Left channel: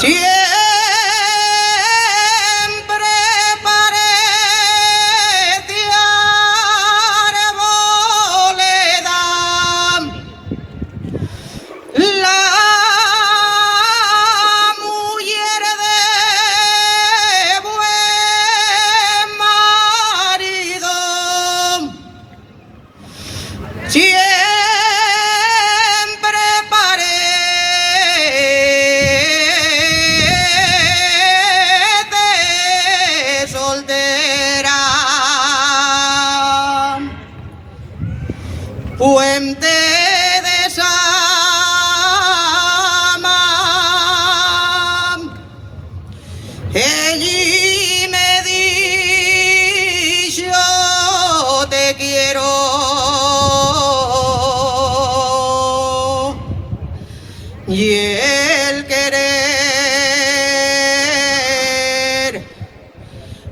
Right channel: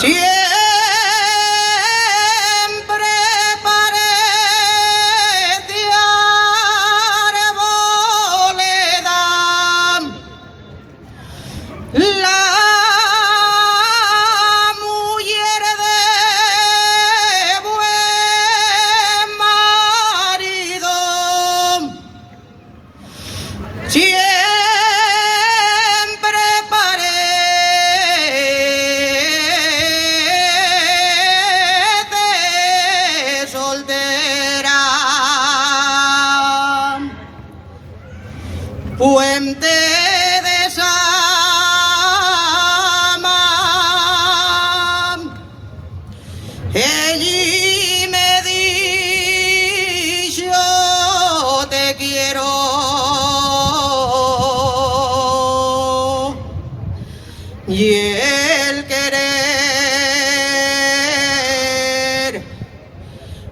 Siempre parecía arboleda la mujer de buen marido. Siempre parece soltera, puente de Sama, ella me dijo te quiero. Y el querer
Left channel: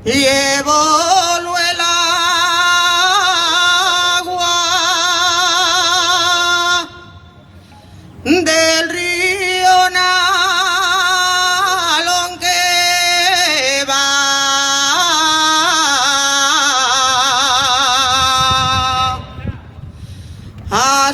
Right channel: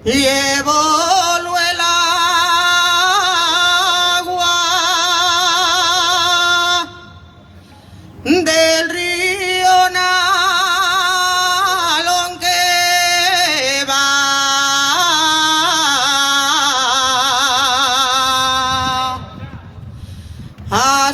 llevó el agua del río Nalón que va a